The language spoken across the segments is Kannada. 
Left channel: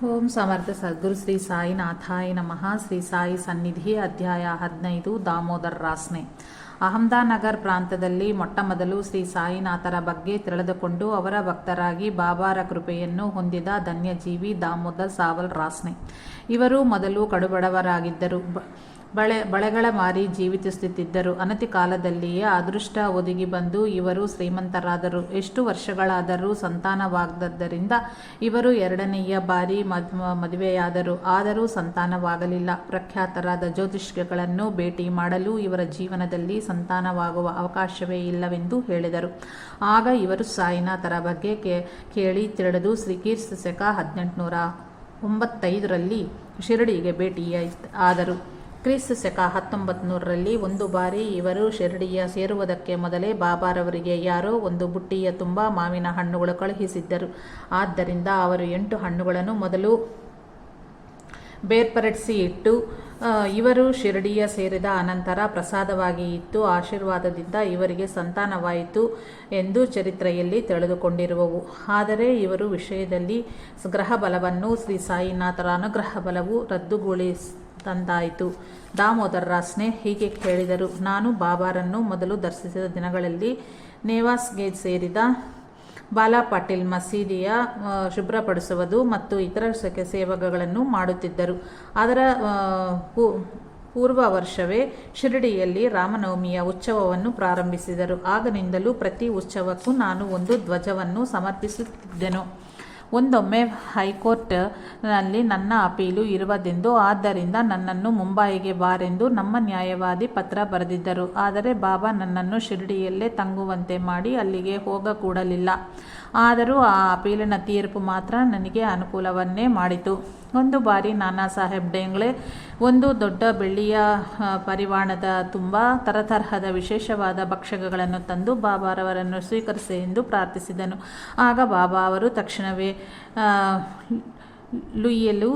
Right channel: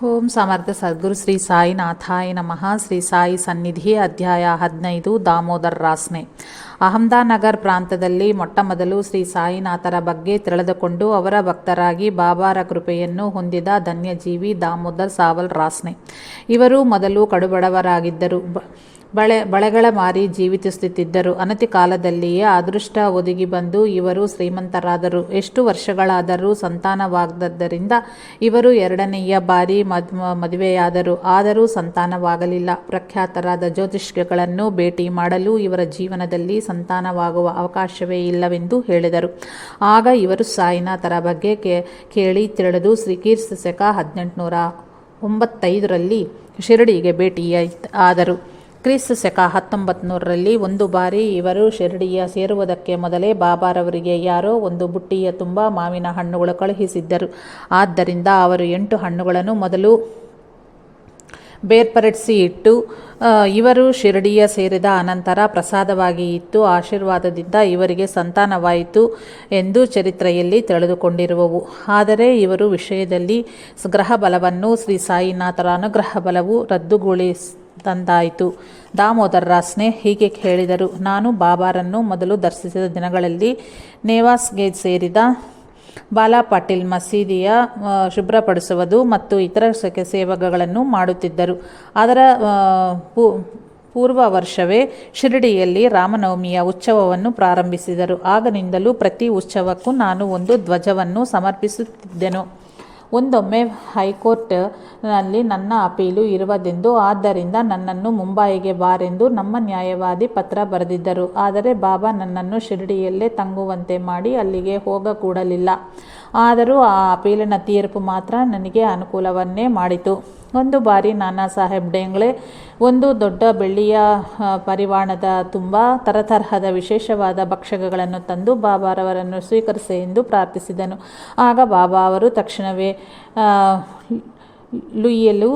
ಓಂ ಸಮರ್ಥ ಸದ್ಗುರು ಶ್ರೀ ಸಾಯಿನಾಥಾಯ ನಮಃ. ಶ್ರೀ ಸಾಯಿ ಸನ್ನಿಧಿ ಅಧ್ಯಾಯ 15 ದಾಮೋದರ್ ರಾಸ್ನೆ. ಅಹಮದಾನಗರ್ ಪ್ರಾಂತದಲ್ಲಿ ಮೊಟ್ಟಮೊದಲು ಶ್ರೀ ಸಾಯಿನಾಥರ ಬಗ್ಗೆ ತಿಳಿದುಕೊಂಡು ಅವರ ಭಕ್ತರಾಗಿ ಬಾಬಾರ ಕೃಪೆಯನ್ನು ಹೊಂದಿದ ಧನ್ಯಜೀವಿ ದಾಮೋದರ್ ಸಾವಲ್ ರಾಸ್ನೆ. ಇವರು ಮೊದಲು ಕಡುಬಡವರಾಗಿದ್ದರು. ಬಳೆಗಳ ಮಾರಿ ಜೀವಿಸುತ್ತಿದ್ದರು. ಅನತಿ ಕಾಲದಲ್ಲಿಯೇ ಅದೃಷ್ಟ ಒದಗಿ ಬಂದು ಇವರು ಶ್ರೀಮಂತರಾದರು. ಎಷ್ಟು ವರ್ಷಗಳಾದರೂ ಸಂತಾನವಾಗದ್ದರಿಂದ ಇವರು ಎರಡನೆಯ ಬಾರಿ ಮದುವೆಯಾದರು. ಆದರೂ ಸಂತಾನವಾಗಲಿಲ್ಲ. ಪ್ರಖ್ಯಾತರಾದ ಜ್ಯೋತಿಷ್ಯಗಳನ್ನು ಭೇಟಿ ಮಾಡಲು ಇವರ ಜೀವನದಲ್ಲಿ ಸಂತಾನವಾಗುವ ಅವಕಾಶವೇ ಇಲ್ಲವೆಂದು ಹೇಳಿದರು. ಆಗ ಇವರು ಸಾಯಿನಾಥರ ಬಗ್ಗೆ ಕೇಳಿ ತಿಳಿದು ಕ್ರಿಸ್ತ ಶಕ 1895ರಲ್ಲಿ ಶಿರಡಿಗೆ ಭೇಟಿಯಾದರು. ಕ್ರಿಸ್ತ ಶಕ 1900ರಲ್ಲಿ ಒಂದು ಬಾರಿ ಇವರು ಶಿರಡಿಯ ಸೇರುವುದಕ್ಕೆ ಮೊದಲೇ ಬಾಬಾರವರಿಗೆ ಯಾರೋ ಒಂದು ಬುಟ್ಟಿಯ ತುಂಬ ಮಾವಿನ ಹಣ್ಣುಗಳು ಕಳುಹಿಸಿದ್ದರು. ಆದ್ದರಿಂದ ಅವರು 8 ಹಣ್ಣುಗಳನ್ನು ಮೊದಲು ಬೇರ್ಪಡಿಸಿ ಇಟ್ಟು ಇವರು ಶಿರಡಿಯ ಸೇರಿದ ಅನಂತರ ಪ್ರಸಾದವಾಗಿ ಇತ್ತು. ಆಶೀರ್ವಾದದಿಂದ ಇವರಿಗೆ ಸಂತಾನವಾಯಿತು ಎಂದು ಚರಿತ್ರೆಯಲ್ಲಿ ತಿಳಿದುಕೊಂಡಿರುವವು. ಆದರೆ ಇವರ ವಿಷಯದಲ್ಲಿ ಗ್ರಹ ಬಲವನ್ನು ಶ್ರೀ ಸಾಯಿನಾಥರ ಅನುಗ್ರಹ ಬಲವು ರದ್ದುಗೊಳಿಸಿದಂತಾಯಿತು. ದಾಮೋದರ್ ರಾಸ್ನೆ ಹೀಗೆ ಹೇಳಿದರು. ನಾನು ಬಾಬಾರನ್ನು ಮೊದಲು ದರ್ಶಿಸಿದ ದಿನಗಳಲ್ಲಿ ನೇವಾಸ್ಗೆ ಸೇರಿದ ಬಾಲಾ ಪಾಟೀಲ್ ಮಸೀದಿಯ ಶುಭ್ರಪಡಿಸುವುದು ಮತ್ತು ಇತರ ಸೇವೆಗಳನ್ನು ಮಾಡುತ್ತಿದ್ದರು. ಅದರ ಪೂರ್ವ ವರ್ಷವೇ ಶಿರಡಿಯಲ್ಲಿ ರಾಮನವಮಿಯ ಉತ್ಸವವನ್ನು ಪ್ರಾರಂಭಿಸಿದರು. ಆಗನಿಂದಲೂ ಪ್ರತಿ ಉತ್ಸವಕ್ಕೂ ನಾನು ಒಂದು ಧ್ವಜವನ್ನು ಸಮರ್ಪಿಸುತ್ತಿದ್ದೆನು. ಒಂದೊಮ್ಮೆ ಹೈಕೋರ್ಟ್ನಲ್ಲಿ ನನ್ನ ಅಪೀಲು ಇರುವುದೆಂದು, ಆದ್ದರಿಂದ ನನ್ನನ್ನು ಮುಂಬಯಿಗೆ ಬಾರೆಂದು ನಮ್ಮ ನ್ಯಾಯವಾದಿ ಪತ್ರ ಬರೆದಿದ್ದರು. ಆದರೆ ಬಾಬಾ ನನ್ನನ್ನು ಶಿರಡಿಯಲ್ಲೇ ತಂಗುವಂತೆ ಮಾಡಿ ಅಲ್ಲಿಗೆ ಹೋಗಕೂಡಲಿಲ್ಲ. ಆದರೂ ಆ ಅಪೀಲಿನ ತೀರ್ಪು ಮಾತ್ರ ನನಗೆ ಅನುಕೂಲವನ್ನೇ ಮಾಡಿತು. ಒಂದು ಬಾರಿ ನಾನಾ ಸಾಹೇಬ್ ಡೇಂಗ್ಲೆ ಒಂದು ದೊಡ್ಡ ಬೆಳ್ಳಿಯ ಪರಿವಾಣದ ತುಂಬ ತರತರಹದ ವಿಶೇಷವಾದ ಭಕ್ಷ್ಯಗಳನ್ನು ತಂದು ಬಾಬಾರವರನ್ನು ಸ್ವೀಕರಿಸಿ ಎಂದು ಪ್ರಾರ್ಥಿಸಿದನು. ಆಗ ಬಾಬಾ ಅವರು ತಕ್ಷಣವೇ ಲುಯ್ಯಲು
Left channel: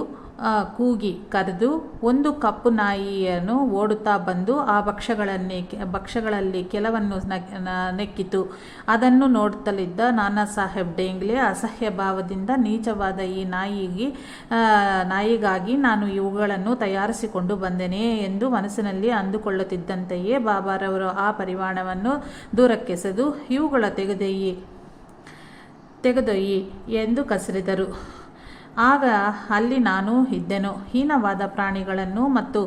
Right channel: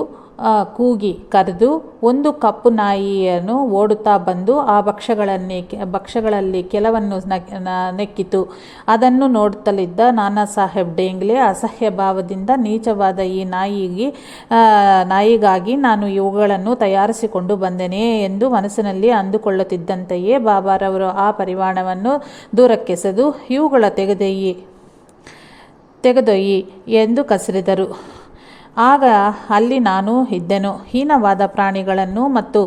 ಕೂಗಿ ಕರೆದು ಒಂದು ಕಪ್ಪು ನಾಯಿಯನ್ನು ಓಡುತ್ತಾ ಬಂದು ಆ ಭಕ್ಷ್ಯಗಳಲ್ಲಿ ಕೆಲವನ್ನು ನೆಕ್ಕಿತು. ಅದನ್ನು ನೋಡುತ್ತಲಿದ್ದ ನಾನಾ ಸಾಹೇಬ್ ಡೇಂಗ್ಲೆ ಅಸಹ್ಯ ಭಾವದಿಂದ, ನೀಚವಾದ ಈ ನಾಯಿಗಾಗಿ ನಾನು ಇವುಗಳನ್ನು ತಯಾರಿಸಿಕೊಂಡು ಬಂದೆನೆ ಎಂದು ಮನಸ್ಸಿನಲ್ಲಿ ಅಂದುಕೊಳ್ಳುತ್ತಿದ್ದಂತೆಯೇ ಬಾಬಾರವರು ಆ ಪರಿವಾಣವನ್ನು ದೂರಕ್ಕೆಸೆದು ಇವುಗಳ ತೆಗೆದೊಯ್ಯಿ ಎಂದು ಕಸರಿದರು. ಆಗ ಅಲ್ಲಿ ನಾನು ಇದ್ದೆನು. ಹೀನವಾದ ಪ್ರಾಣಿಗಳನ್ನು ಮತ್ತು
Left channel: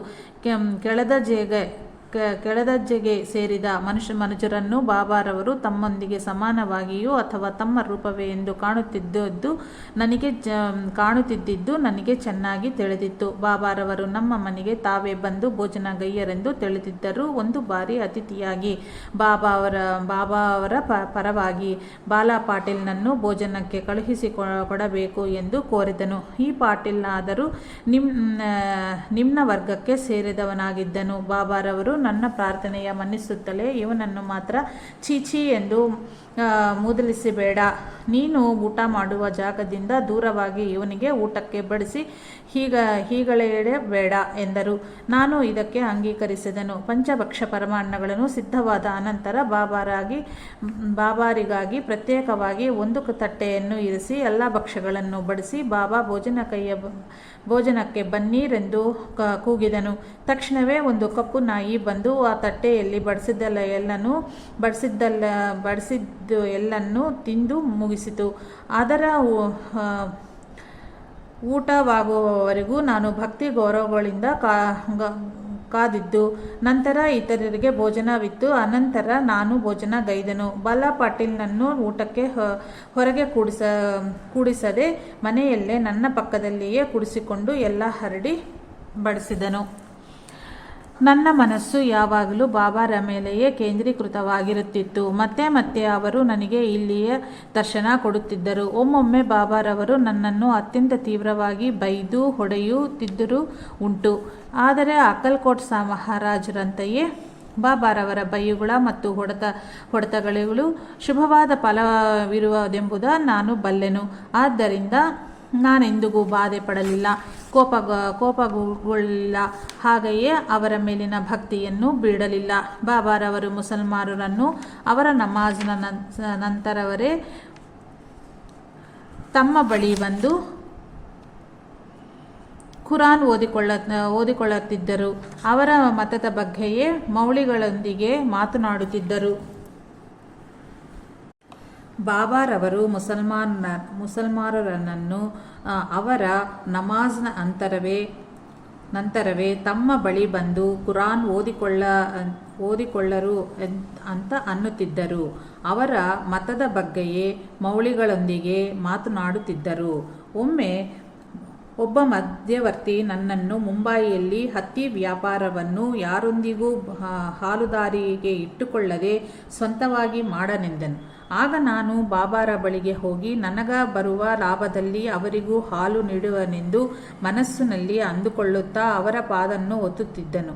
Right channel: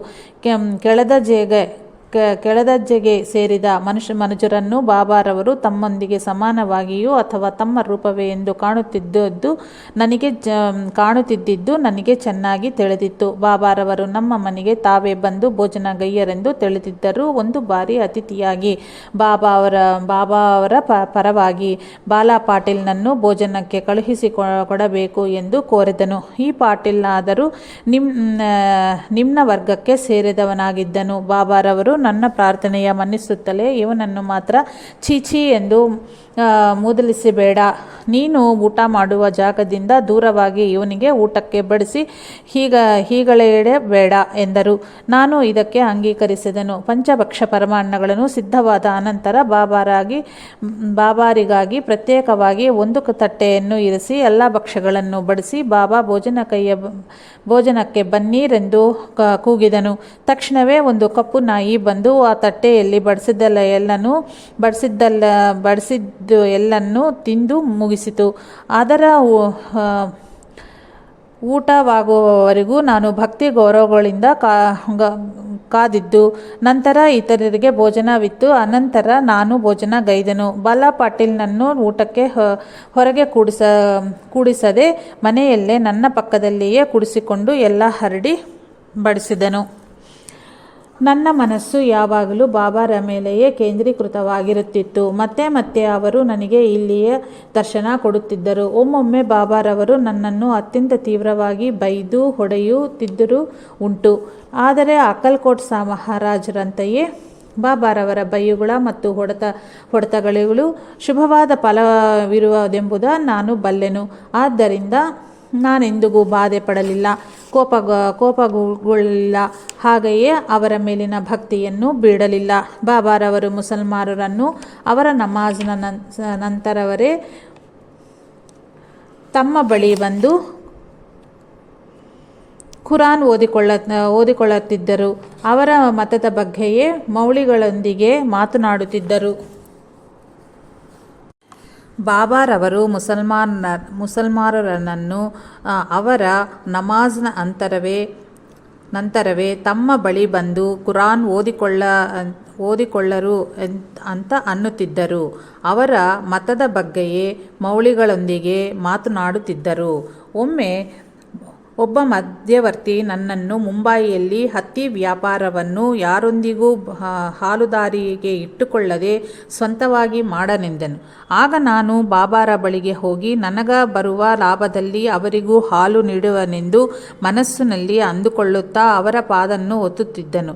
ಕೆಳದರ್ಜೆಗೆ ಸೇರಿದ ಮನುಜರನ್ನು ಬಾಬಾರವರು ತಮ್ಮೊಂದಿಗೆ ಸಮಾನವಾಗಿಯೂ ಅಥವಾ ತಮ್ಮ ರೂಪವೇ ಎಂದು ಕಾಣುತ್ತಿದ್ದುದು ನನಗೆ ಚೆನ್ನಾಗಿ ತಿಳಿದಿತ್ತು. ಬಾಬಾರವರು ನಮ್ಮ ಮನೆಗೆ ತಾವೇ ಬಂದು ಭೋಜನಗೈಯರೆಂದು ತಿಳಿದಿದ್ದರು. ಒಂದು ಬಾರಿ ಅತಿಥಿಯಾಗಿ ಬಾಬಾ ಅವರ ಪರವಾಗಿ ಬಾಲಾ ಪಾಟೀಲ್ನನ್ನು ಭೋಜನಕ್ಕೆ ಕಳುಹಿಸಿಕೊಡಬೇಕು ಎಂದು ಕೋರಿದನು. ಈ ಪಾಟೀಲ್ನಾದರೂ ನಿಮ್ನ ವರ್ಗಕ್ಕೆ ಸೇರಿದವನಾಗಿದ್ದನು. ಬಾಬಾರವರು ನನ್ನ ಪ್ರಾರ್ಥನೆಯ ಮನ್ನಿಸುತ್ತಲೇ ಇವನನ್ನು ಮಾತ್ರ ಚೀಚಿ ಎಂದು ಮೂದಲಿಸಬೇಡ. ನೀನು ಊಟ ಮಾಡುವ ಜಾಗದಿಂದ ದೂರವಾಗಿ ಇವನಿಗೆ ಊಟಕ್ಕೆ ಬಡಿಸಿ ಹೀಗಳೆಯಬೇಡ ಎಂದರು. ನಾನು ಇದಕ್ಕೆ ಅಂಗೀಕರಿಸಿದೆನು. ಪಂಚಭಕ್ಷ ಪರಮಾನ್ನಗಳನ್ನು ಸಿದ್ಧವಾದ ಅನಂತರ ಬಾಬಾರಿಗಾಗಿ ಪ್ರತ್ಯೇಕವಾಗಿ ಒಂದು ತಟ್ಟೆಯನ್ನು ಇರಿಸಿ ಎಲ್ಲ ಭಕ್ಷ್ಯಗಳನ್ನು ಬಡಿಸಿ ಬಾಬಾ ಭೋಜನಕ್ಕೆ ಬನ್ನಿರೆಂದು ಕೂಗಿದನು. ತಕ್ಷಣವೇ ಒಂದು ಕಪ್ಪು ನಾಯಿ ಬಂದು ಆ ತಟ್ಟೆಯಲ್ಲಿ ಬಡಿಸಿದ್ದು ಎಲ್ಲನೂ ತಿಂದು ಮುಗಿಸಿತು. ಅದರ ಊಟವಾಗುವವರೆಗೂ ನಾನು ಭಕ್ತಿ ಗೌರವಗಳಿಂದ ಕಾದಿದ್ದು. ನಂತರ ಇತರರಿಗೆ ಭೋಜನವಿತ್ತು. ಅನಂತರ ನಾನು ಭೋಜನಗೈದೆನು. ಬಾಲಾ ಪಾಟೀಲ್ನನ್ನು ಊಟಕ್ಕೆ ಹೊರಗೆ ಕೂಡಿಸದೆ ಮನೆಯಲ್ಲೇ ನನ್ನ ಪಕ್ಕದಲ್ಲಿಯೇ ಕೂಡಿಸಿಕೊಂಡು ಎಲ್ಲ ಹರಡಿ ಬಡಿಸಿದನು. ನನ್ನ ಮನಸ್ಸು ಯಾವಾಗಲೂ ಬಾಬಾರ ಮೇಲೆಯೇ ಕೇಂದ್ರೀಕೃತವಾಗಿರುತ್ತಿತ್ತು. ಮತ್ತೆ ಮತ್ತೆ ಅವರು ನನಗೆ ಇಲ್ಲಿಯೇ ದರ್ಶನ ಕೊಡುತ್ತಿದ್ದರು. ಒಮ್ಮೊಮ್ಮೆ ಬಾಬಾರವರು ನನ್ನನ್ನು ಅತ್ಯಂತ ತೀವ್ರವಾಗಿ ಬೈದು ಹೊಡೆಯುತ್ತಿದ್ದರೂ ಉಂಟು. ಆದರೆ ಅಕ್ಕಲ್ಕೋಟ್ ಮಹಾರಾಜರಂತೆಯೇ ಬಾಬಾರವರ ಬೈಯುಗಳ ಮತ್ತು ಹೊಡೆತಗಳು ಶುಭವಾದ ಫಲವಿರುವುದೆಂಬುದು ನಾನು ಬಲ್ಲೆನು. ಆದ್ದರಿಂದ ನಾನೆಂದಿಗೂ ಬಾಧೆ ಪಡಲಿಲ್ಲ, ಕೋಪಗೊಳ್ಳಲಿಲ್ಲ. ಹಾಗೆಯೇ ಅವರ ಮೇಲಿನ ಭಕ್ತಿಯನ್ನು ಬಿಡಲಿಲ್ಲ. ಬಾಬಾರವರು ಮುಸಲ್ಮಾನರನ್ನು ಅವರ ನಮಾಜ್ನ ನಂತರವೇ ತಮ್ಮ ಬಳಿ ಬಂದು ಖುರಾನ್ ಓದಿಕೊಳ್ಳುತ್ತಿದ್ದರು. ಅವರ ಮತದ ಬಗ್ಗೆಯೇ ಮೌಲ್ವಿಗಳೊಂದಿಗೆ ಮಾತನಾಡುತ್ತಿದ್ದರು. ಬಾಬಾರವರು ಮುಸಲ್ಮಾನರನ್ನು ಅವರ ನಮಾಜ್ನ ನಂತರವೇ ತಮ್ಮ ಬಳಿ ಬಂದು ಕುರಾನ್ ಓದಿಕೊಳ್ಳರು ಅಂತ ಅನ್ನುತ್ತಿದ್ದರು. ಅವರ ಮತದ ಬಗ್ಗೆಯೇ ಮೌಲ್ವಿಗಳೊಂದಿಗೆ ಮಾತನಾಡುತ್ತಿದ್ದರು. ಒಮ್ಮೆ ಒಬ್ಬ ಮಧ್ಯವರ್ತಿ ನನ್ನನ್ನು ಮುಂಬಯಿಯಲ್ಲಿ ಹತ್ತಿ ವ್ಯಾಪಾರವನ್ನು ಯಾರೊಂದಿಗೂ ಹಾಲುದಾರಿಗೆ ಇಟ್ಟುಕೊಳ್ಳದೆ ಸ್ವಂತವಾಗಿ ಮಾಡನೆಂದನು. ಆಗ ನಾನು ಬಾಬಾರ ಬಳಿಗೆ ಹೋಗಿ ನನಗ ಬರುವ ಲಾಭದಲ್ಲಿ ಅವರಿಗೂ ಹಾಲು ನೀಡುವನೆಂದು ಮನಸ್ಸಿನಲ್ಲಿ ಅಂದುಕೊಳ್ಳುತ್ತಾ ಅವರ ಪಾದನ್ನು ಒತ್ತುತ್ತಿದ್ದನು.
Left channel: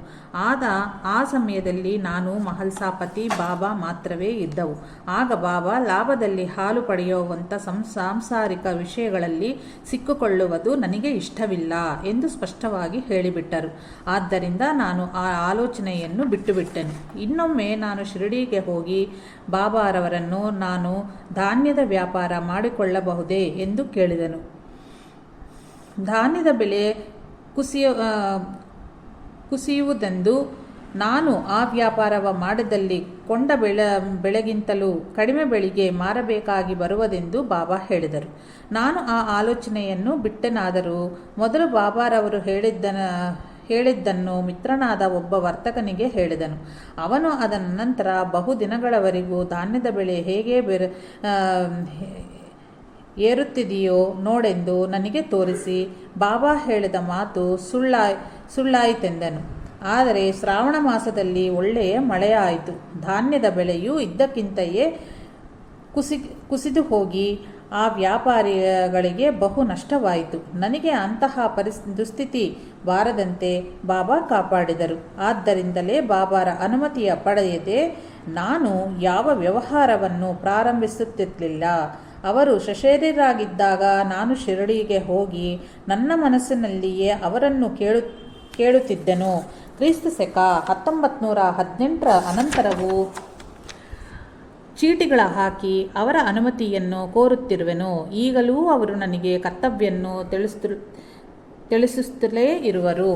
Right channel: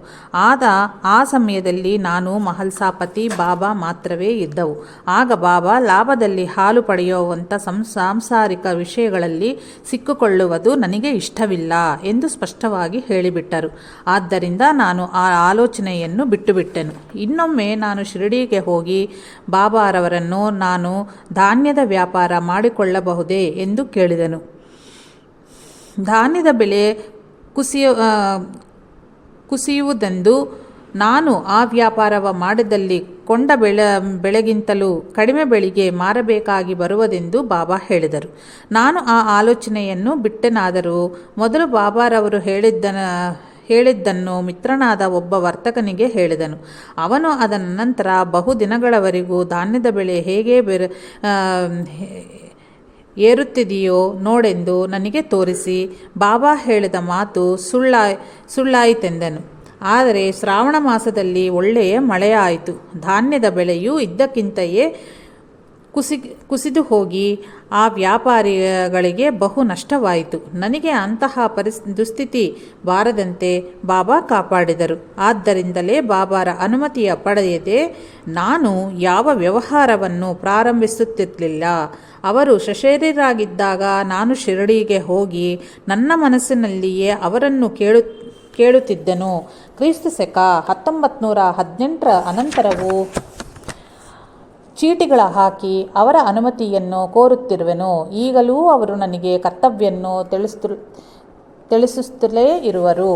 ಆ ಸಮಯದಲ್ಲಿ ನಾನು ಮಹಲ್ಸಾಪತಿ ಬಾಬಾ ಮಾತ್ರವೇ ಇದ್ದವು. ಆಗ ಬಾಬಾ ಲಾಭದಲ್ಲಿ ಹಾಲು ಪಡೆಯುವಂಥ ಸಾಂಸಾರಿಕ ವಿಷಯಗಳಲ್ಲಿ ಸಿಕ್ಕಿಕೊಳ್ಳುವುದು ನನಗೆ ಇಷ್ಟವಿಲ್ಲ ಎಂದು ಸ್ಪಷ್ಟವಾಗಿ ಹೇಳಿಬಿಟ್ಟರು. ಆದ್ದರಿಂದ ನಾನು ಆ ಆಲೋಚನೆಯನ್ನು ಬಿಟ್ಟುಬಿಟ್ಟೆನು. ಇನ್ನೊಮ್ಮೆ ನಾನು ಶಿರಡಿಗೆ ಹೋಗಿ ಬಾಬಾರವರನ್ನು ನಾನು ಧಾನ್ಯದ ವ್ಯಾಪಾರ ಮಾಡಿಕೊಳ್ಳಬಹುದೇ ಎಂದು ಕೇಳಿದನು. ಧಾನ್ಯದ ಬೆಲೆ ಕುಸಿಯುವುದೆಂದು ನಾನು ಆ ವ್ಯಾಪಾರವ ಮಾಡಿದಲ್ಲಿ ಕೊಂಡ ಬೆಳೆಗಿಂತಲೂ ಕಡಿಮೆ ಬೆಳೆಗೆ ಮಾರಬೇಕಾಗಿ ಬರುವುದೆಂದು ಬಾಬಾ ಹೇಳಿದರು. ನಾನು ಆ ಆಲೋಚನೆಯನ್ನು ಬಿಟ್ಟೆನಾದರೂ ಮೊದಲು ಬಾಬಾರವರು ಹೇಳಿದ್ದನ್ನು ಮಿತ್ರನಾದ ಒಬ್ಬ ವರ್ತಕನಿಗೆ ಹೇಳಿದನು. ಅವನು ಅದರ ನಂತರ ಬಹುದಿನಗಳವರೆಗೂ ಧಾನ್ಯದ ಬೆಲೆ ಹೇಗೆ ಏರುತ್ತಿದೆಯೋ ನೋಡೆಂದು ನನಗೆ ತೋರಿಸಿ ಬಾಬಾ ಹೇಳಿದ ಮಾತು ಸುಳ್ಳಾಯಿತೆಂದನು. ಆದರೆ ಶ್ರಾವಣ ಮಾಸದಲ್ಲಿ ಒಳ್ಳೆಯ ಮಳೆಯಾಯಿತು. ಧಾನ್ಯದ ಬೆಲೆಯು ಇದ್ದಕ್ಕಿಂತೆಯೇ ಕುಸಿದು ಹೋಗಿ ಆ ವ್ಯಾಪಾರಿಗಳಿಗೆ ಬಹು ನಷ್ಟವಾಯಿತು. ನನಗೆ ಅಂತಹ ದುಸ್ಥಿತಿ ಬಾರದಂತೆ ಬಾಬಾ ಕಾಪಾಡಿದರು. ಆದ್ದರಿಂದಲೇ ಬಾಬಾರ ಅನುಮತಿಯ ಪಡೆಯದೆ ನಾನು ಯಾವ ವ್ಯವಹಾರವನ್ನು ಪ್ರಾರಂಭಿಸುತ್ತಿರಲಿಲ್ಲ. ಅವರು ಸಶರೀರರಾಗಿದ್ದಾಗ ನಾನು ಶಿರಡಿಗೆ ಹೋಗಿ ನನ್ನ ಮನಸ್ಸಿನಲ್ಲಿಯೇ ಅವರನ್ನು ಕೇಳುತ್ತಿದ್ದನು. ಕ್ರಿಸ್ತ ಶಕ 1918 ಅನಂತರವೂ ಚೀಟಿಗಳ ಹಾಕಿ ಅವರ ಅನುಮತಿಯನ್ನು ಕೋರುತ್ತಿರುವೆನು. ಈಗಲೂ ಅವರು ನನಗೆ ಕರ್ತವ್ಯವನ್ನು ತಿಳಿಸುತ್ತಲೇ ಇರುವರು.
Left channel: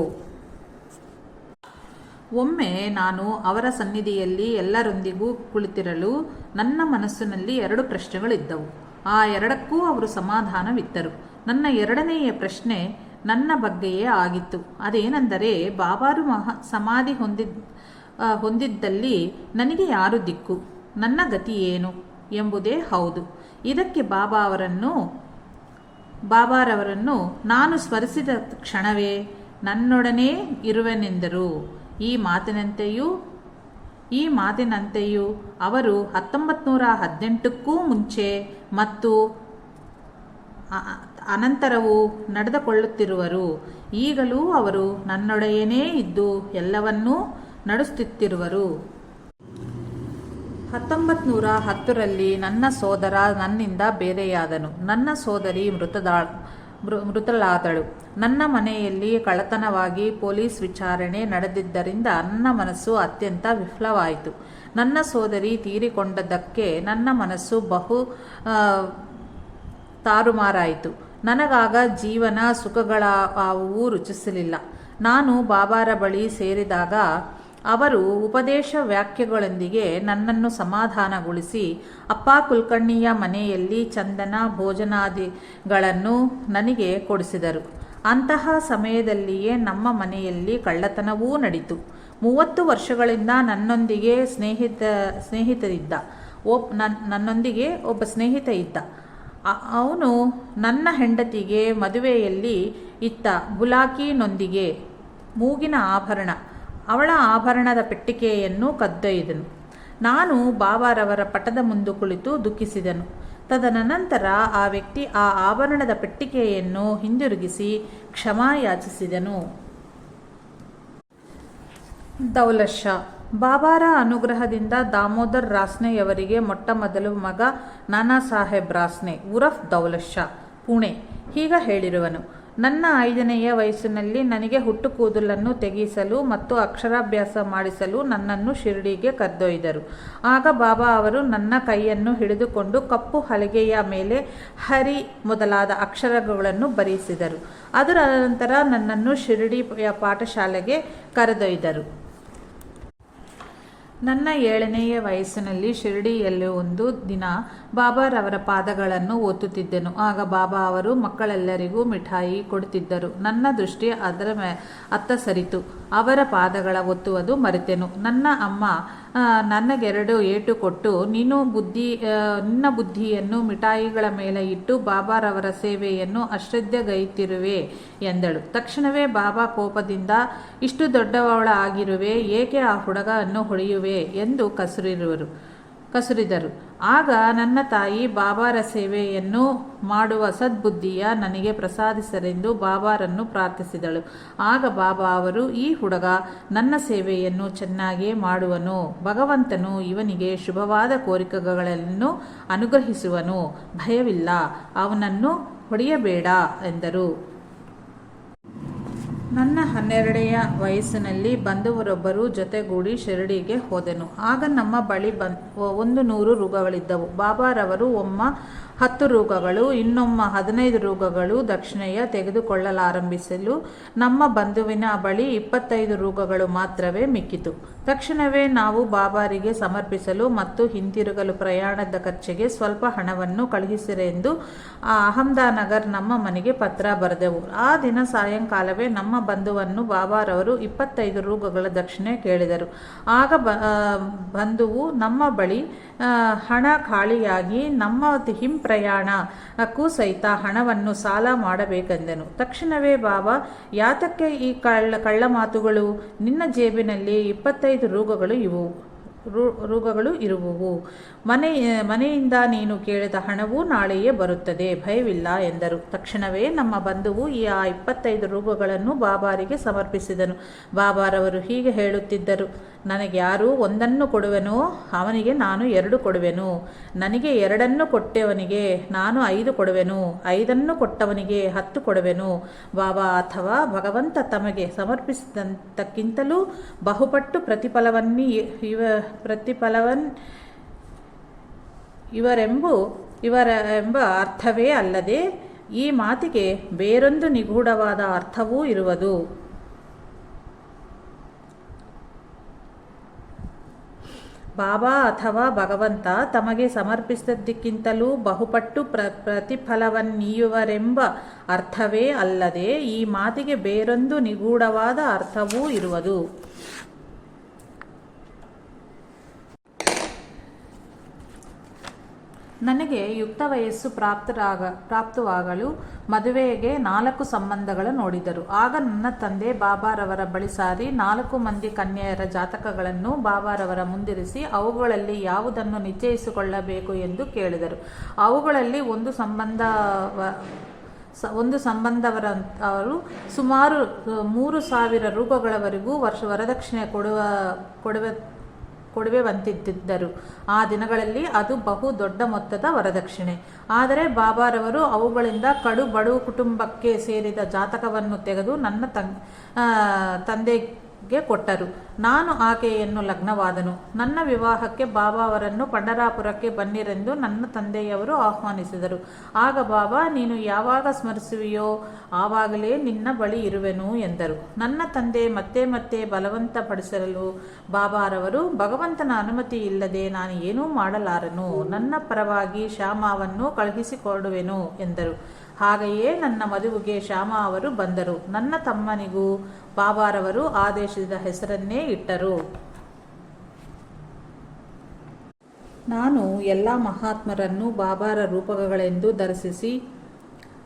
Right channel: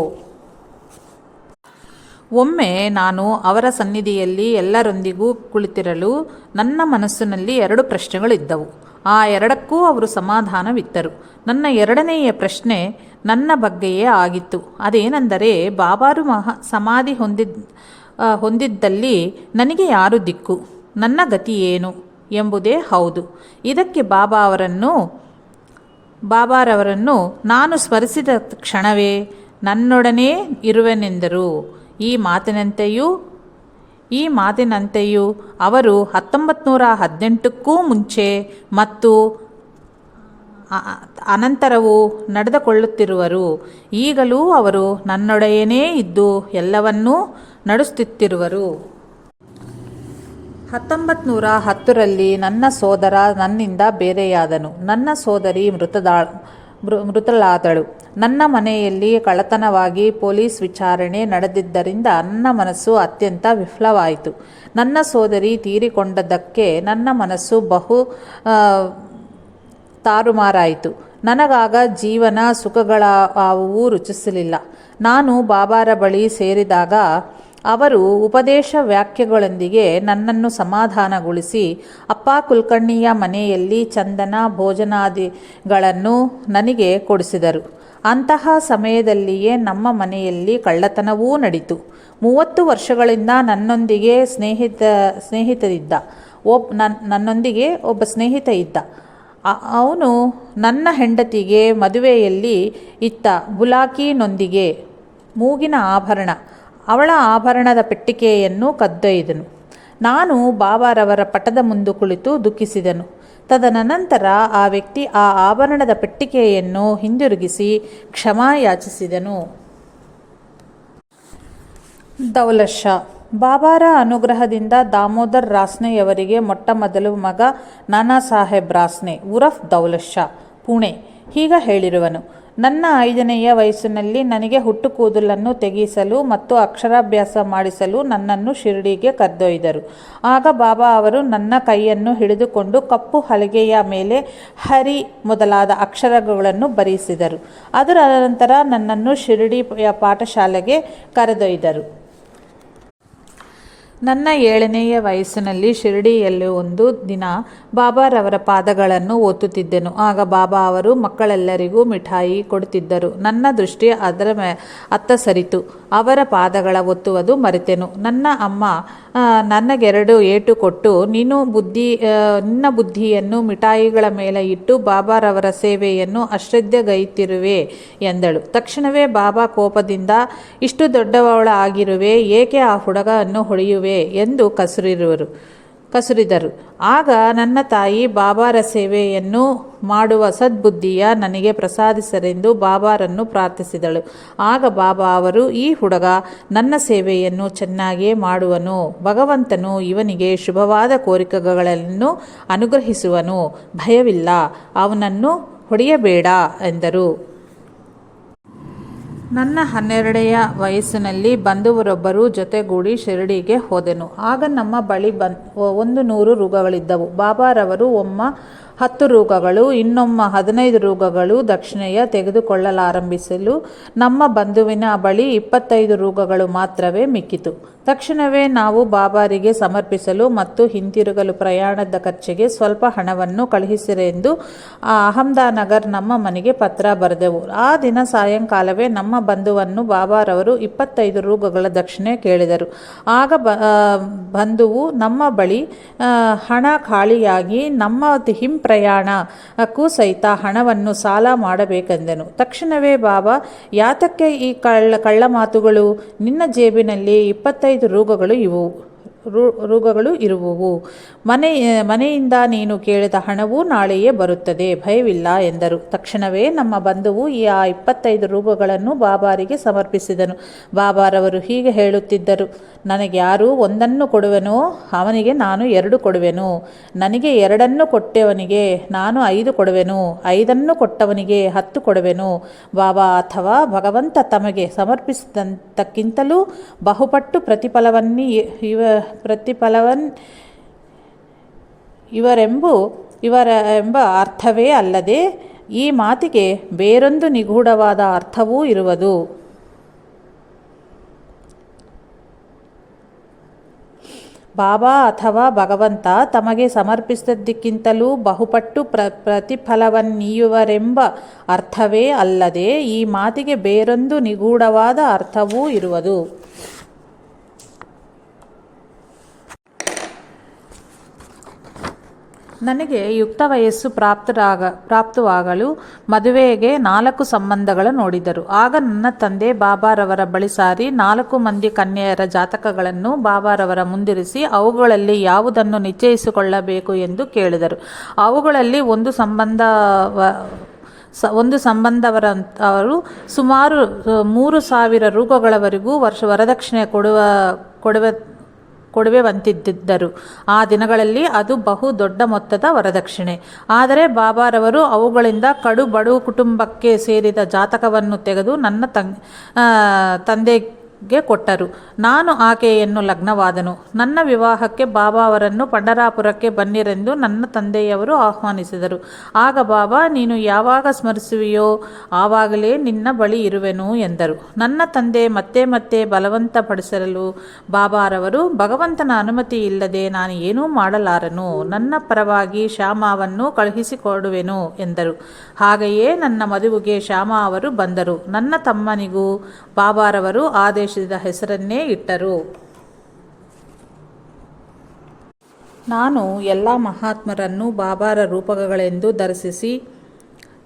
ಒಮ್ಮೆ ನಾನು ಅವರ ಸನ್ನಿಧಿಯಲ್ಲಿ ಎಲ್ಲರೊಂದಿಗೂ ಕುಳಿತಿರಲು ನನ್ನ ಮನಸ್ಸಿನಲ್ಲಿ 2 ಪ್ರಶ್ನೆಗಳಿದ್ದವು. ಆ 2ಕ್ಕೂ ಅವರು ಸಮಾಧಾನವಿತ್ತರು. ನನ್ನ 2ನೆಯ ಪ್ರಶ್ನೆ ನನ್ನ ಬಗ್ಗೆಯೇ ಆಗಿತ್ತು. ಅದೇನೆಂದರೆ, ಬಾಬಾರು ಸಮಾಧಿ ಹೊಂದಿದ್ದಲ್ಲಿ ನನಗೆ ಯಾರು ದಿಕ್ಕು, ನನ್ನ ಗತಿ ಏನು ಎಂಬುದೇ ಹೌದು. ಇದಕ್ಕೆ ಬಾಬಾರವರನ್ನು ನಾನು ಸ್ಮರಿಸಿದ ಕ್ಷಣವೇ ನನ್ನೊಡನೆ ಇರುವೆನೆಂದರು. ಈ ಮಾತಿನಂತೆಯೂ ಅವರು 1918ಕ್ಕೂ ಮುಂಚೆ ಮತ್ತು ಅನಂತರವೂ ನಡೆದುಕೊಳ್ಳುತ್ತಿರುವರು. ಈಗಲೂ ಅವರು ನನ್ನೊಡೆಯನೇ ಇದ್ದು ಎಲ್ಲವನ್ನೂ ನಡೆಸುತ್ತಿರುವರು. 1910ರಲ್ಲಿ ನನ್ನ ಸೋದರ ನನ್ನಿಂದ ಬೇರೆಯಾದನು. ನನ್ನ ಸೋದರಿ ಮೃತಳಾದಳು. ನನ್ನ ಮನೆಯಲ್ಲಿ ಕಳ್ಳತನವಾಗಿ ಪೊಲೀಸ್ ವಿಚಾರಣೆ ನಡೆದಿದ್ದರಿಂದ ನನ್ನ ಮನಸ್ಸು ಅತ್ಯಂತ ವಿಫಲವಾಯಿತು. ನನ್ನ ಸೋದರಿ ತೀರಿಕೊಂಡದ್ದಕ್ಕೆ ನನ್ನ ಮನಸ್ಸು ಬಹು ತಾರುಮಾರಾಯಿತು. ನನಗಾಗ ಜೀವನ ಸುಖಗಳಾವುವೂ ರುಚಿಸಲಿಲ್ಲ. ನಾನು ಬಾಬಾರ ಬಳಿ ಸೇರಿದಾಗ ಅವರು ಉಪದೇಶ ವಾಕ್ಯಗಳೊಂದಿಗೆ ನನ್ನನ್ನು ಸಮಾಧಾನಗೊಳಿಸಿ ಅಪ್ಪ ಕುಲಕರ್ಣಿಯ ಮನೆಯಲ್ಲಿ ಚಂದನ ಭೋಜನಾದಿಗಳನ್ನು ನನಗೆ ಕೊಡಿಸಿದರು. ಅಂತಹ ಸಮಯದಲ್ಲಿಯೇ ನಮ್ಮ ಮನೆಯಲ್ಲಿ ಕಳ್ಳತನವೂ ನಡೀತು. 30 ವರ್ಷಗಳಿಂದ ನನ್ನೊಂದಿಗೆ ಒಬ್ಬ ಸ್ನೇಹಿತ ಇದ್ದ. ಅವನು ನನ್ನ ಹೆಂಡತಿಗೆ ಮದುವೆಯಲ್ಲಿ ಇತ್ತ ಬುಲಾಕಿನೊಂದಿಗೆ ಮೂಗಿನ ಆಭರಣ, ಅವಳ ಆಭರಣದ ಪೆಟ್ಟಿಗೆಯನ್ನು ಕದ್ದೊಯ್ದನು. ನಾನು ಬಾಬಾರವರ ಪಟದ ಮುಂದೆ ಕುಳಿತು ದುಃಖಿಸಿದನು. ತದನಂತರ ಆ ವ್ಯಕ್ತಿ ಆ ಆಭರಣದ ಪೆಟ್ಟಿಗೆಯನ್ನು ಹಿಂದಿರುಗಿಸಿ ಕ್ಷಮಾ ಯಾಚಿಸಿದನು. ದೌಲತ್ ಶಾ ಬಾಬಾರ ಅನುಗ್ರಹದಿಂದ ದಾಮೋದರ್ ರಾಸ್ನೆಯವರಿಗೆ ಮೊಟ್ಟಮೊದಲು ಮಗ ನಾನಾ ಸಾಹೇಬ್ ರಾಸ್ನೆ ಉರಫ್ ದೌಲತ್ ಶಾ ಪುಣೆ ಹೀಗ ಹೇಳಿರುವನು. ನನ್ನ 5ನೆಯ ವಯಸ್ಸಿನಲ್ಲಿ ನನಗೆ ಹುಟ್ಟು ಕೂದಲನ್ನು ತೆಗೆಸಲು ಮತ್ತು ಅಕ್ಷರಾಭ್ಯಾಸ ಮಾಡಿಸಲು ನನ್ನನ್ನು ಶಿರಡಿಗೆ ಕರೆದೊಯ್ದರು. ಆಗ ಬಾಬಾ ಅವರು ನನ್ನ ಕೈಯನ್ನು ಹಿಡಿದುಕೊಂಡು ಕಪ್ಪು ಹಲಗೆಯ ಮೇಲೆ ಹರಿ ಮೊದಲಾದ ಅಕ್ಷರಗಳನ್ನು ಬರೆಸಿದರು. ಅದರ ನಂತರ ನನ್ನನ್ನು ಶಿರಡಿಯ ಪಾಠಶಾಲೆಗೆ ಕರೆದೊಯ್ದರು. ನನ್ನ 7ನೆಯ ವಯಸ್ಸಿನಲ್ಲಿ ಶಿರಡಿಯಲ್ಲಿ ಒಂದು ದಿನ ಬಾಬಾರವರ ಪಾದಗಳನ್ನು ಒತ್ತುತ್ತಿದ್ದೆನು. ಆಗ ಬಾಬಾ ಅವರು ಮಕ್ಕಳೆಲ್ಲರಿಗೂ ಮಿಠಾಯಿ ಕೊಡುತ್ತಿದ್ದರು. ನನ್ನ ದೃಷ್ಟಿ ಅತ್ತ ಸರಿತು. ಅವರ ಪಾದಗಳ ಒತ್ತುವುದು ಮರೆತೆನು. ನನ್ನ ಅಮ್ಮ ನನಗೆರಡು ಏಟು ಕೊಟ್ಟು, ನಿನ್ನ ಬುದ್ಧಿಯನ್ನು ಮಿಠಾಯಿಗಳ ಮೇಲೆ ಇಟ್ಟು ಬಾಬಾರವರ ಸೇವೆಯನ್ನು ಅಶ್ರದ್ಧೆಗೈತಿರುವೆ ಎಂದಳು. ತಕ್ಷಣವೇ ಬಾಬಾ ಕೋಪದಿಂದ, ಇಷ್ಟು ದೊಡ್ಡವಳ ಆಗಿರುವೆ, ಏಕೆ ಆ ಹುಡುಗನ್ನು ಹೊಡೆಯುವೆ ಎಂದು ಕಸುರಿದರು. ಆಗ ನನ್ನ ತಾಯಿ ಬಾಬಾರ ಸೇವೆಯನ್ನು ಮಾಡುವ ಸದ್ಬುದ್ಧಿಯ ನನಗೆ ಪ್ರಸಾದಿಸರೆಂದು ಬಾಬಾರನ್ನು ಪ್ರಾರ್ಥಿಸಿದಳು. ಆಗ ಬಾಬಾ ಅವರು, ಈ ಹುಡುಗ ನನ್ನ ಸೇವೆಯನ್ನು ಚೆನ್ನಾಗಿಯೇ ಮಾಡುವನು. ಭಗವಂತನು ಇವನಿಗೆ ಶುಭವಾದ ಕೋರಿಕೆಗಳನ್ನು ಅನುಗ್ರಹಿಸುವನು. ಭಯವಿಲ್ಲ, ಅವನನ್ನು ಹೊಡೆಯಬೇಡ ಎಂದರು. ನನ್ನ 12ನೆಯ ವಯಸ್ಸಿನಲ್ಲಿ ಬಂಧುವರೊಬ್ಬರು ಜೊತೆಗೂಡಿ ಶಿರಡಿಗೆ ಹೋದೆನು. ಆಗ ನಮ್ಮ ಬಳಿ 100 ರೂಗಗಳಿದ್ದವು. ಬಾಬಾರವರು ಒಮ್ಮ 10 ರೂಗಗಳು, ಇನ್ನೊಮ್ಮ 15 ರೂಗಗಳು ದಕ್ಷಿಣೆಯ ತೆಗೆದುಕೊಳ್ಳಲಾರಂಭಿಸಲು ನಮ್ಮ ಬಂಧುವಿನ ಬಳಿ 25 ರೂಗಗಳು ಮಾತ್ರವೇ ಮಿಕ್ಕಿತು. ತಕ್ಷಣವೇ ನಾವು ಬಾಬಾರಿಗೆ ಸಮರ್ಪಿಸಲು ಮತ್ತು ಹಿಂತಿರುಗಲು ಪ್ರಯಾಣದ ಖರ್ಚಿಗೆ ಸ್ವಲ್ಪ ಹಣವನ್ನು ಕಳುಹಿಸಿರೆಂದು ಅಹಮದಾನಗರ್ ನಮ್ಮ ಮನೆಗೆ ಪತ್ರ ಬರೆದೆವು. ಆ ದಿನ ಸಾಯಂಕಾಲವೇ ನಮ್ಮ ಬಂಧುವನ್ನು ಬಾಬಾರವರು 25 ರೂಗಗಳ ದಕ್ಷಿಣೆ ಕೇಳಿದರು. ಆಗ ಬಂಧುವು ನಮ್ಮ ಬಳಿ ಹಣ ಖಾಲಿಯಾಗಿ ನಮ್ಮ ಪ್ರಯಾಣಕ್ಕೂ ಸಹಿತ ಹಣವನ್ನು ಸಾಲ ಮಾಡಬೇಕೆಂದೆನು. ತಕ್ಷಣವೇ ಬಾಬಾ, ಯಾತಕ್ಕೆ ಈ ಕಳ್ಳ ಮಾತುಗಳು? ನಿನ್ನ ಜೇಬಿನಲ್ಲಿ 25 ರೂಗಗಳು ಇರುವುವು. ಮನೆಯಿಂದ ನೀನು ಕೇಳಿದ ಹಣವು ನಾಳೆಯೇ ಬರುತ್ತದೆ, ಭಯವಿಲ್ಲ ಎಂದರು. ತಕ್ಷಣವೇ ನಮ್ಮ ಬಂಧುವು ಈ 25 ರೂಗಗಳನ್ನು ಬಾಬಾರಿಗೆ ಸಮರ್ಪಿಸಿದನು. ಬಾಬಾರವರು ಹೀಗೆ ಹೇಳುತ್ತಿದ್ದರು, ನನಗೆ ಯಾರು 1 ಕೊಡುವೆನೋ ಅವನಿಗೆ ನಾನು 2 ಕೊಡುವೆನು. ನನಗೆ 2 ಕೊಟ್ಟವನಿಗೆ ನಾನು 5 ಕೊಡುವೆನು. 5 ಕೊಟ್ಟವನಿಗೆ 10 ಕೊಡುವೆನು. ಬಾಬಾ ಅಥವಾ ಭಗವಂತ ತಮಗೆ ಸಮರ್ಪಿಸಿದಂತಕ್ಕಿಂತಲೂ ಬಹುಪಟ್ಟು ಇವರೆಂಬ ಅರ್ಥವೇ ಅಲ್ಲದೆ ಈ ಮಾತಿಗೆ ಬೇರೊಂದು ನಿಗೂಢವಾದ ಅರ್ಥವೂ ಇರುವುದು. ಬಾಬಾ ಅಥವಾ ಭಗವಂತ ತಮಗೆ ಸಮರ್ಪಿಸಿದ್ದಕ್ಕಿಂತಲೂ ಬಹುಪಟ್ಟು ಪ್ರತಿಫಲವನ್ನೀಯುವರೆಂಬ ಅರ್ಥವೇ ಅಲ್ಲದೆ ಈ ಮಾತಿಗೆ ಬೇರೊಂದು ನಿಗೂಢವಾದ ಅರ್ಥವೂ ಇರುವುದು. ನನಗೆ ಯುಕ್ತ ವಯಸ್ಸು ಪ್ರಾಪ್ತವಾಗಲು ಮದುವೆಗೆ 4 ಸಂಬಂಧಗಳು ನೋಡಿದರು. ಆಗ ನನ್ನ ತಂದೆ ಬಾಬಾರವರ ಬಳಿ ಸಾರಿ 4 ಮಂದಿ ಕನ್ಯೆಯರ ಜಾತಕಗಳನ್ನು ಬಾಬಾರವರ ಮುಂದಿರಿಸಿ ಅವುಗಳಲ್ಲಿ ಯಾವುದನ್ನು ನಿಶ್ಚಯಿಸಿಕೊಳ್ಳಬೇಕು ಎಂದು ಕೇಳಿದರು. ಅವುಗಳಲ್ಲಿ ಒಂದು ಸಂಬಂಧವರು ಸುಮಾರು 3,000 ರೂಪಗಳವರೆಗೂ ವರದಕ್ಷಿಣೆ ಕೊಡುವೆವಂತಿದ್ದರು. ಆ ದಿನಗಳಲ್ಲಿ ಅದು ಬಹು ದೊಡ್ಡ ಮೊತ್ತದ ವರದಕ್ಷಿಣೆ. ಆದರೆ ಬಾಬಾರವರು ಅವುಗಳಿಂದ ಕಡು ಬಡ ಕುಟುಂಬಕ್ಕೆ ಸೇರಿದ ಜಾತಕವನ್ನು ತೆಗೆದು ನನ್ನ ತಂದೆಗೆ ಕೊಟ್ಟರು. ನಾನು ಆಕೆಯನ್ನು ಲಗ್ನವಾದನು. ನನ್ನ ವಿವಾಹಕ್ಕೆ ಬಾಬಾ ಅವರನ್ನು ಪಂಢರಾಪುರಕ್ಕೆ ಬನ್ನಿರೆಂದು ನನ್ನ ತಂದೆಯವರು ಆಹ್ವಾನಿಸಿದರು. ಆಗ ಬಾಬಾ, ನೀನು ಯಾವಾಗ ಸ್ಮರಿಸುವೆಯೋ ಆವಾಗಲೇ ನಿನ್ನ ಬಳಿ ಇರುವೆನು ಎಂದರು. ನನ್ನ ತಂದೆ ಮತ್ತೆ ಬಲವಂತಪಡಿಸಲು ಬಾಬಾರವರು, ಭಗವಂತನ ಅನುಮತಿ ಇಲ್ಲದೆ ನಾನು ಏನೂ ಮಾಡಲಾರನು. ನನ್ನ ಪರವಾಗಿ ಶ್ಯಾಮಾವನ್ನು ಕಳುಹಿಸಿಕೊಡುವೆನು ಎಂದರು. ಹಾಗೆಯೇ ನನ್ನ ಮದುವೆಗೆ ಶ್ಯಾಮಾ ಅವರು ಬಂದರು. ನನ್ನ ತಮ್ಮನಿಗೂ ಬಾಬಾರವರು ಆದೇಶಿಸಿದ ಹೆಸರನ್ನೇ ಇಟ್ಟರು. ನಾನು ಎಲ್ಲ ಮಹಾತ್ಮರನ್ನು ಬಾಬಾರ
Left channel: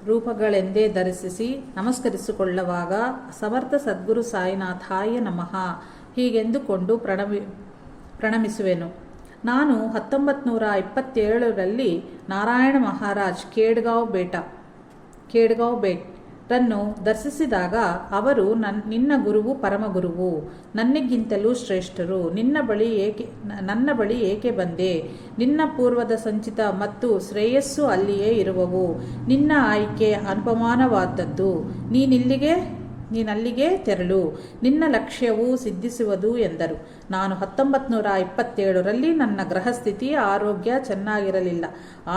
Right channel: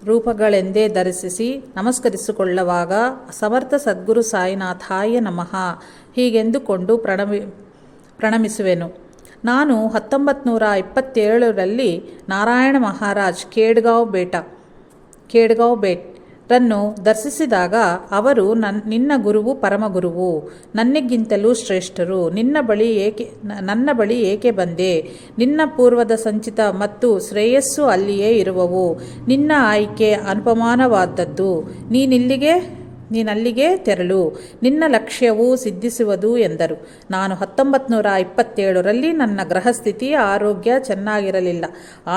ರೂಪಗಳೆಂದೇ ದರ್ಶಿಸಿ ನಮಸ್ಕರಿಸಿಕೊಳ್ಳುವಾಗ ಸಮರ್ಥ ಸದ್ಗುರು ಸಾಯಿನಾಥಾಯ ನಮಃ ಹೀಗೆಂದುಕೊಂಡು ಪ್ರಣಮಿಸುವೆನು. ನಾನು 1927ರಲ್ಲಿ ನಾರಾಯಣ ಮಹಾರಾಜ್ ಖೇಡ್ಗಾಂವ್ ಬೇಟ್ ರನ್ನು ದರ್ಶಿಸಿದಾಗ ಅವರು ನಿನ್ನ ಗುರುವು ಪರಮಗುರುವು, ನನಗಿಂತಲೂ ಶ್ರೇಷ್ಠರು, ನನ್ನ ಬಳಿ ಏಕೆ ಬಂದೆ? ನಿನ್ನ ಪೂರ್ವದ ಸಂಚಿತ ಮತ್ತು ಶ್ರೇಯಸ್ಸು ಅಲ್ಲಿಯೇ ಇರುವವು. ನಿನ್ನ ಆಯ್ಕೆ ಅನುಪಮಾನವಾದದ್ದು. ನೀನಲ್ಲಿಗೆ ತೆರಳು, ನಿನ್ನ ಲಕ್ಷ್ಯವು ಸಿದ್ಧಿಸುವುದು ಎಂದರು. ನಾನು 1927ರಲ್ಲಿ ನನ್ನ ಗೃಹಸ್ಥಿತಿ ಆರೋಗ್ಯ ಚೆನ್ನಾಗಿರಲಿಲ್ಲ.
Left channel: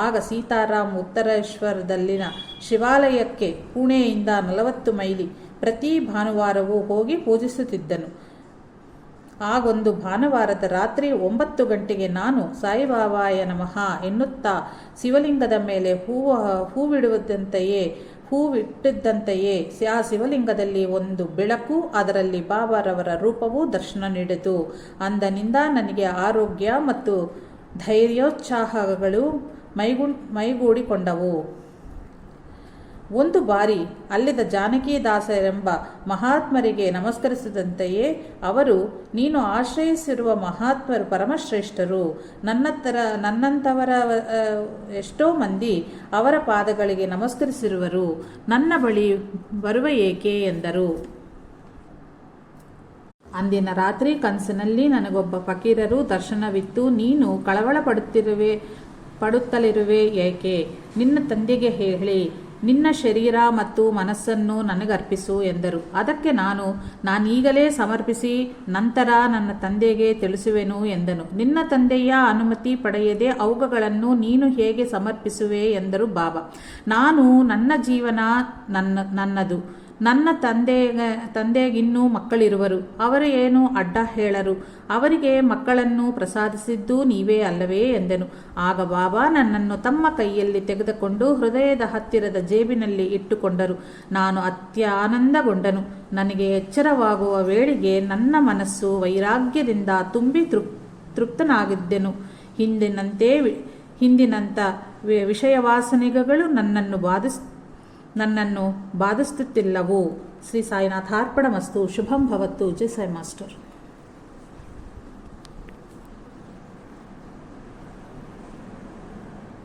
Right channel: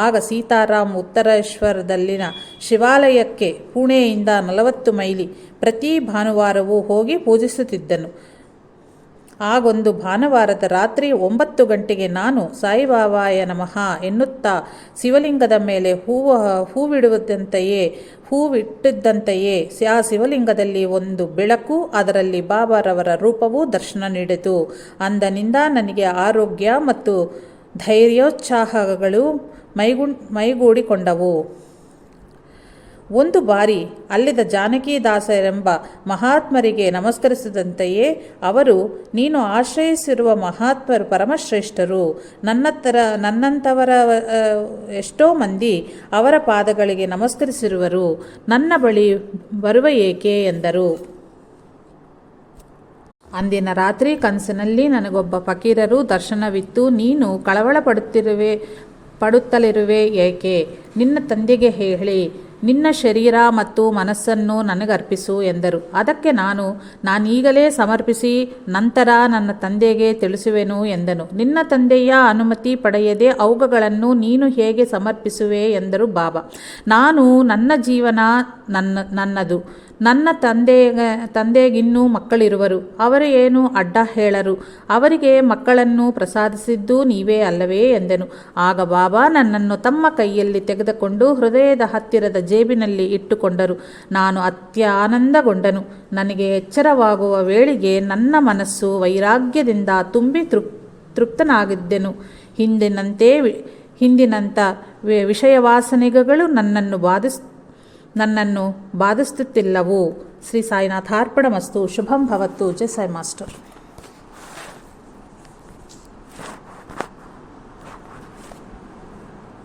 ಆಗ ಸೀತಾರಾಮ್ ಉತ್ತರೇಶ್ವರದಲ್ಲಿನ ಶಿವಾಲಯಕ್ಕೆ ಪುಣೆಯಿಂದ 40 ಮೈಲಿ ಪ್ರತಿ ಭಾನುವಾರವೂ ಹೋಗಿ ಪೂಜಿಸುತ್ತಿದ್ದನು. ಆಗೊಂದು ಭಾನುವಾರದ ರಾತ್ರಿ 9 ಗಂಟೆಗೆ ನಾನು ಸಾಯಿಬಾಬಾಯ ನಮಃ ಎನ್ನುತ್ತಾ ಶಿವಲಿಂಗದ ಮೇಲೆ ಹೂವಿಟ್ಟಿದ್ದಂತೆಯೇ ಆ ಶಿವಲಿಂಗದಲ್ಲಿ ಒಂದು ಬೆಳಕು, ಅದರಲ್ಲಿ ಬಾಬಾರವರ ರೂಪವು ದರ್ಶನ ನೀಡಿತು. ಅಂದಿನಿಂದ ನನಗೆ ಆರೋಗ್ಯ ಮತ್ತು ಧೈರ್ಯೋತ್ಸಾಹಗಳು ಮೈಗೂಡಿಕೊಂಡವು. ಒಂದು ಬಾರಿ ಅಲ್ಲಿದ್ದ ಜಾನಕಿದಾಸರೆಂಬ ಮಹಾತ್ಮರಿಗೆ ನಮಸ್ಕರಿಸಿದಂತೆಯೇ ಅವರು, ನೀನು ಆಶ್ರಯಿಸಿರುವ ಮಹಾತ್ಮರು ಪರಮಶ್ರೇಷ್ಠರು. ನನ್ನಂಥವರ ಎಷ್ಟೋ ಮಂದಿ ಅವರ ಪಾದಗಳಿಗೆ ನಮಸ್ಕರಿಸಿರುವರು. ನನ್ನ ಬಳಿ ಬರುವ ಏಕೆ ಎಂದರು. ಅಂದಿನ ರಾತ್ರಿ ಕನಸಿನಲ್ಲಿ ನನಗೊಬ್ಬ ಫಕೀರರು ದರ್ಶನವಿತ್ತು. ನೀನು ಕಳವಳ ಪಡುತ್ತಲಿರುವೆ ಏಕೆ? ನಿನ್ನ ತಂದೆಗೆ ಹೇಳಿ ನಿನ್ನ ಶರೀರ ಮತ್ತು ಮನಸ್ಸನ್ನು ನನಗರ್ಪಿಸು ಎಂದರು. ಅದಕ್ಕೆ ನಾನೀಗಲೇ ಸಮರ್ಪಿಸಿ ನಂತರ ನನ್ನ ತಂದೆಗೆ ತಿಳಿಸುವೆನು ಎಂದನು. ನಿನ್ನ ತಂದೆಯ ಅನುಮತಿ ಪಡೆಯದೆ ಅವುಗಳನ್ನು ನೀನು ಹೇಗೆ ಸಮರ್ಪಿಸುವೆ ಎಂದರು ಬಾಬಾ. ನನ್ನ ಜೀವನ ನನ್ನದು. ನನ್ನ ತಂದೆಗಿನ್ನೂ ಮಕ್ಕಳಿರುವರು. ಅವರು ಏನು ಅಡ್ಡ ಹೇಳರು. ಅವರಿಗೆ ಮಕ್ಕಳನ್ನು ಪ್ರಸಾದಿಸಿದ್ದು ನೀವೇ ಅಲ್ಲವೇ ಎಂದೆನು. ಆಗ ಬಾಬಾ ನನ್ನನ್ನು ತಮ್ಮ ಕೈಯಲ್ಲಿ ತೆಗೆದುಕೊಂಡು ಹೃದಯದ ಹತ್ತಿರದ ಜೇಬಿನಲ್ಲಿ ಇಟ್ಟುಕೊಂಡರು. ನಾನು ಅತ್ಯಾನಂದಗೊಂಡನು. ನನಗೆ ಎಚ್ಚರವಾಗುವ ವೇಳೆಗೆ ನನ್ನ ಮನಸ್ಸು ವೈರಾಗ್ಯದಿಂದ ತುಂಬಿ ತೃಪ್ತನಾಗಿದ್ದೆನು. ಹಿಂದಿನಂಥ ವಿಷಯವಾಸನೆಗಳು ನನ್ನನ್ನು ಬಾಧಿಸುತ್ತಿಲ್ಲವು. ಶ್ರೀ ಸಾಯಿನಾಥಾರ್ಪಣಮಸ್ತು. ಶುಭಂ ಭವತ್ತು. ಜೈ ಸಾಯಿ ಮಾಸ್ಟರ್.